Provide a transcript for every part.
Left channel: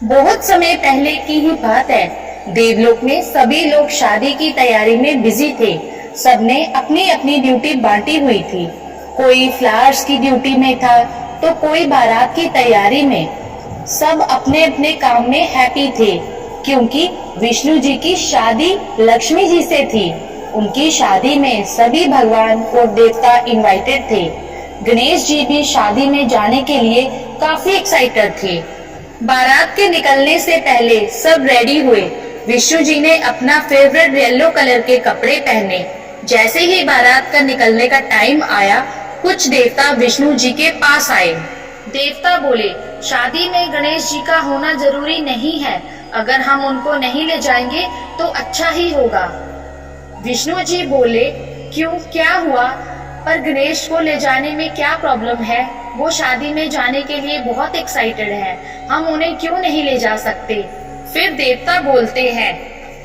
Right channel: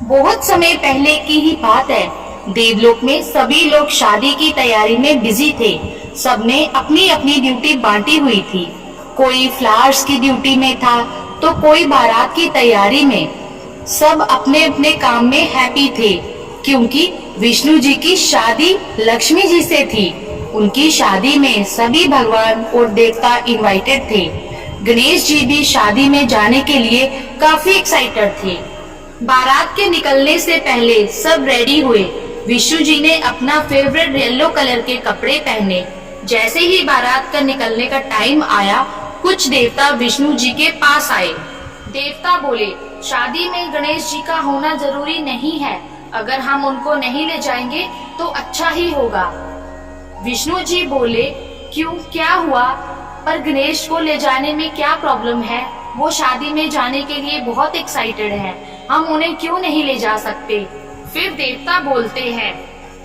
बहुत समय पहले की ही बात है। देवलोक में सभी लोग शादी की तैयारी में बिजी थे। सबने अपनी अपनी ड्यूटी बांटी हुई थी। कोई फ्लावर्स की ड्यूटी में था तो कोई बारात की तैयारी में। सब अपने अपने काम में हैप्पी थे क्योंकि विष्णु जी की शादी लक्ष्मी जी से थी। उनकी शादी में सभी भगवान और देवता इनवाइटेड थे। गणेश जी भी शादी में जाने के लिए काफी एक्साइटेड थे। बारात के निकलने से पहले सब रेडी हुए। विष्णु जी ने अपना फेवरेट येलो कलर के कपड़े पहने। जैसे ही बारात का निकलने का टाइम आया, कुछ देवता विष्णु जी के पास आए। देवता बोले, शादी में गणेश जी का होना जरूरी नहीं है। अगर हम उनको नहीं ले जाएंगे तो अच्छा ही होगा। विष्णु जी बोले, क्यों, क्या हुआ? पर गणेश को ले जाने में क्या प्रॉब्लम है? वो शादी में जाने के लिए बहुत एक्साइटेड हैं। हम उन्हें क्यों नहीं ले जा सकते? फिर देवता बोलते हैं,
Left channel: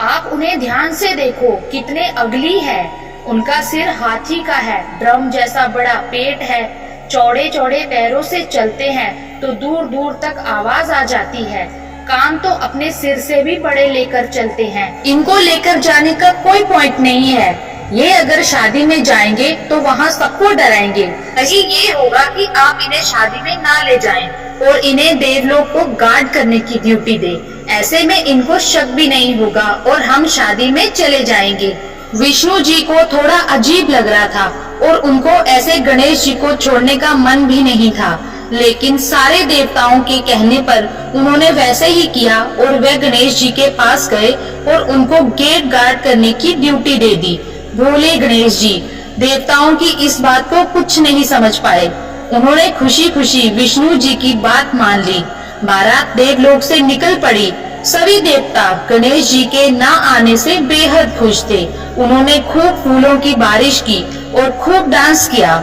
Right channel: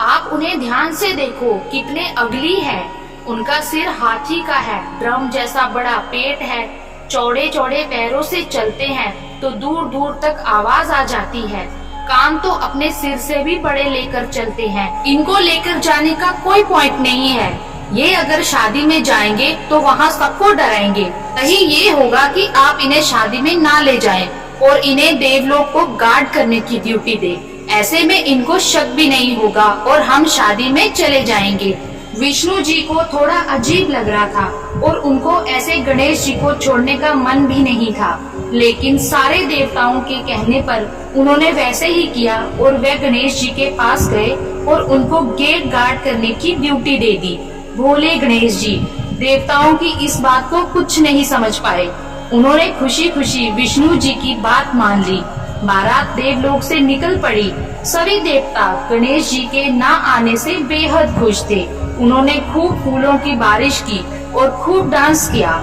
आप उन्हें ध्यान से देखो, कितने अगली है। उनका सिर हाथी का है, ड्रम जैसा बड़ा पेट है, चौड़े चौड़े पैरों से चलते हैं तो दूर दूर तक आवाज आ जाती है। कान तो अपने सिर से भी बड़े लेकर चलते हैं। इनको लेकर जाने का कोई पॉइंट नहीं है। ये अगर शादी में जाएंगे तो वहाँ सबको डराएंगे। सही ये होगा कि आप इन्हें शादी में ना ले जाएं और इन्हें देवलोक को गार्ड करने की ड्यूटी दे। ऐसे में इनको शक भी नहीं होगा और हम शादी में चले जाएंगे। विष्णु जी को थोड़ा अजीब लग रहा था और उनको ऐसे गणेश जी को छोड़ने का मन भी नहीं था, लेकिन सारे देवताओं के कहने पर उन्होंने वैसे ही किया और वे गणेश जी के पास गए और उनको गेट गार्ड करने की ड्यूटी दे दी। भोले गणेश जी देवताओं की इस बात को कुछ नहीं समझ पाए। उन्होंने खुशी खुशी विष्णु जी की बात मान ली। बारात देवलोक से निकल पड़ी। सभी देवता गणेश जी के ना आने से बेहद खुश थे। उन्होंने खूब फूलों की बारिश की और खूब डांस किया।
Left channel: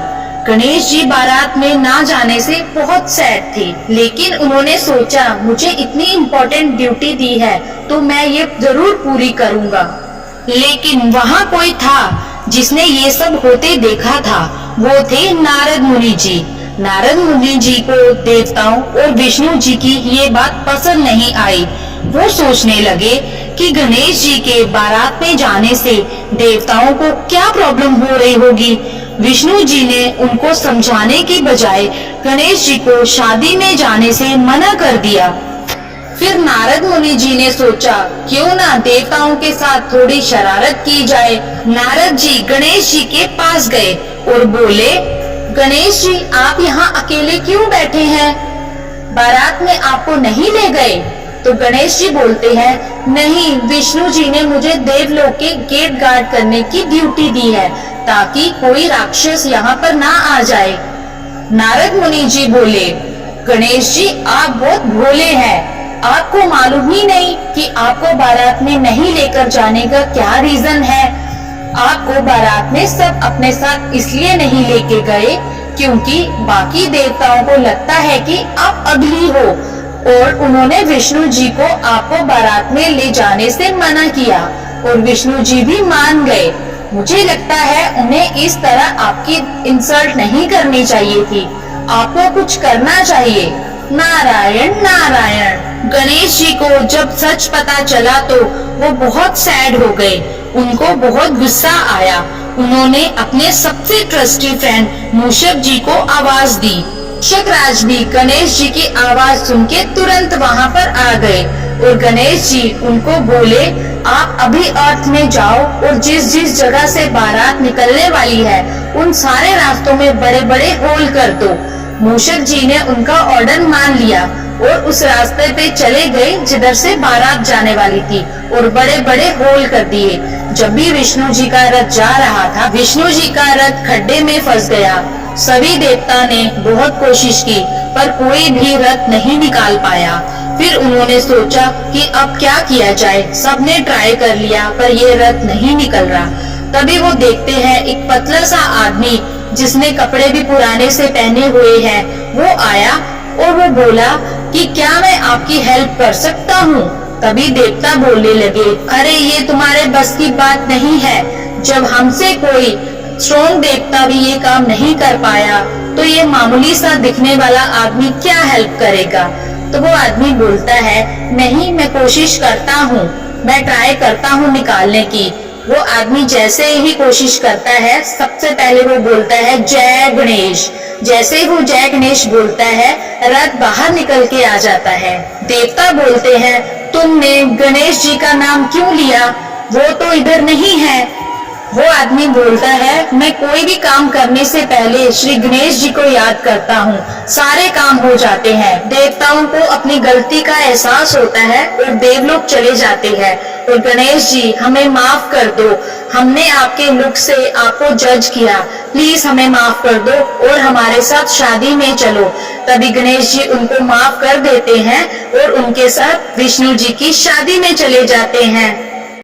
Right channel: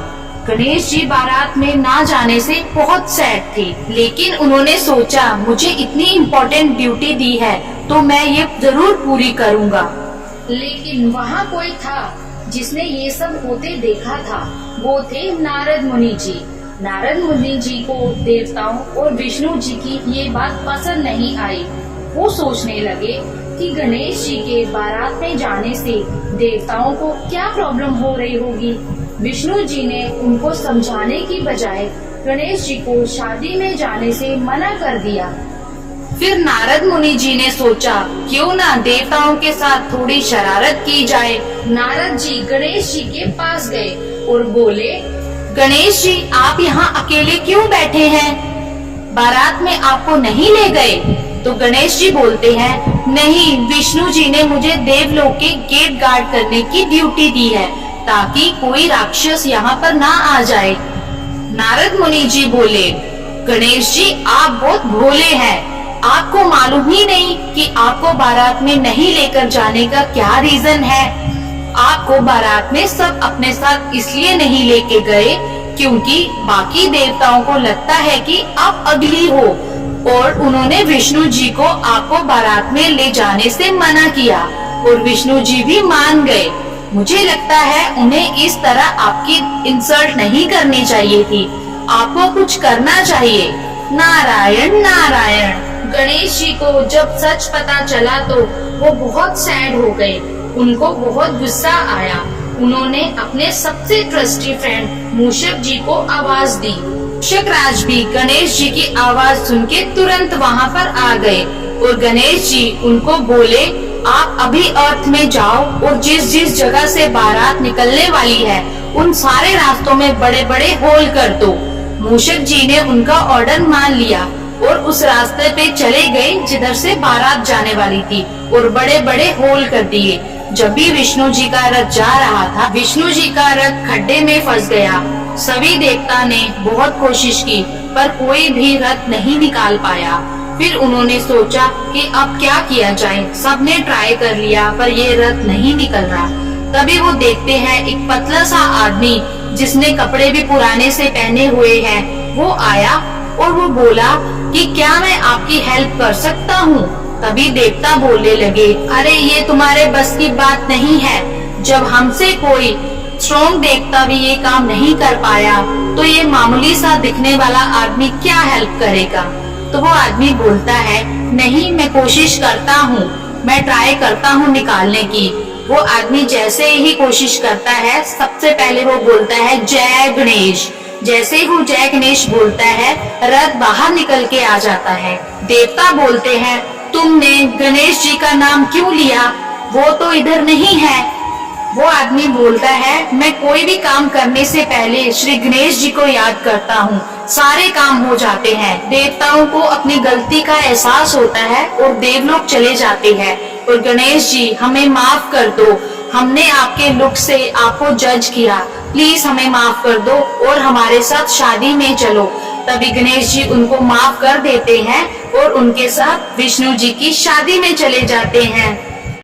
गणेश जी बारात में ना जाने से बहुत सैड थे, लेकिन उन्होंने सोचा, मुझे इतनी इम्पोर्टेंट ड्यूटी दी है तो मैं ये जरूर पूरी करूँगा। लेकिन वहाँ कोई था जिसने ये सब होते देखा था। वो थे नारद मुनि जी। नारद मुनि जी को देवताओं और विष्णु जी की ये बात पसंद नहीं आई। वो सोचने लगे कि गणेश जी के बारात में जाने से देवताओं को क्या प्रॉब्लम हो रही होगी। विष्णु जी ने उनको समझाने की बजाय गणेश जी को शादी में जाने से मना कर दिया। फिर नारद मुनि जी ने सोचा, क्यों ना देवताओं के साथ थोड़ी शरारत की जाए। नारद जी गणेश जी के पास गए और बोले, गणेश जी आप यहाँ अकेले क्यों बैठे हैं? बारात में आपको नहीं ले गए? तो गणेश जी बोलते हैं, नहीं, विष्णु जी ने मुझे देवलोक के गेट गार्ड करने की ड्यूटी दी है ताकि कोई राक्षस यहाँ पर ना आ जाए। नारद मुनि जी बोले, गणेश जी आप बहुत भोले हैं। आपको मालूम ही नहीं कि आपको बारात में नहीं लेकर जाने का क्या रीजन है। आपको बारात में सब अपने साथ इसलिए नहीं लेके गए क्योंकि बाकी देवताओं को लगता है कि आप अगली हो और उन्होंने विष्णु जी को आपको बारात में ले जाने से मना किया और विष्णु जी भी मान गए। मुझे लगता है उन्हें इस तरह आपकी इंसल्ट नहीं करनी चाहिए थी। आपको कुछ करना चाहिए। नारायण नारायण। गणेश जी को जब सच पता चला तो वो बहुत सैड हो गए। उनको बहुत गुस्सा आया। उन्होंने अपने सबसे ट्रस्टी फ्रेंड मूषक जी को आवाज दी। मूषक राज भी गणेश जी की आवाज सुन के तुरंत वहाँ पर आ गए और गणेश जी उनको बोले, आप अभी अर्थ में जाओ और जिस जिस जगह से बारात निकलने वाली है उन सारे रास्तों में बड़े बड़े होल कर दो। मूषक जी ने उनका ऑर्डर मान लिया और उस रास्ते पे चले गए जिधर से बारात जाने वाली थी और बड़े बड़े होल कर दिए। जब भी विष्णु जी का रथ जा रहा था, विष्णु जी का रथ खड्डे में फंस गया। सभी देवता ने बहुत कोशिश की पर कोई भी रथ नहीं निकाल पाया। फिर उन्होंने सोचा कि अब क्या किया जाए। सबने ट्राई कर लिया पर ये रथ नहीं निकल रहा। तभी वो देखते हैं एक पतला सा आदमी जिसने कपड़े भी पुराने से पहने हुए हैं, वो आया और वो बोला कि क्या मैं आपकी हेल्प कर सकता हूँ। तभी देवता बोलने लगे, अरे ये तुम्हारे बस की बात नहीं है। जब हमसे कोई स्ट्रॉन्ग देवता भी ये काम नहीं कर पाया तो ये मामूली सा दिखने वाला आदमी क्या हेल्प करेगा। तो वो आदमी बोलता है, नहीं मैं कोशिश करता हूँ, मैं ट्राई करता हूँ निकालने की। वो आदमी जैसे ही कोशिश करता है, सबसे पहले वो बोलता है जय गणेश। जैसे ही वो जय गणेश बोलता है, रथ बाहर निकल के आ जाता है। देवता बोलते हैं, तुमने गणेश जी का नाम क्यों लिया, वो तो इधर नहीं है। वो आदमी बोलता है, मैं कोई भी काम करने से पहले श्री गणेश जी को याद करता हूँ, सारे काम हो जाते हैं। देवताओं को अपनी गलती का एहसास होता है और देवलोक चले जाते हैं। और गणेश जी हमें माफ कर दो, हमने आपके लुक से आपको जज किया, प्लीज हमें माफ कर दो और हमारे साथ शादी में चलो। तभी गणेश जी उनको माफ कर देते हैं और उनके साथ विष्णु जी की शादी में चले जाते हैं।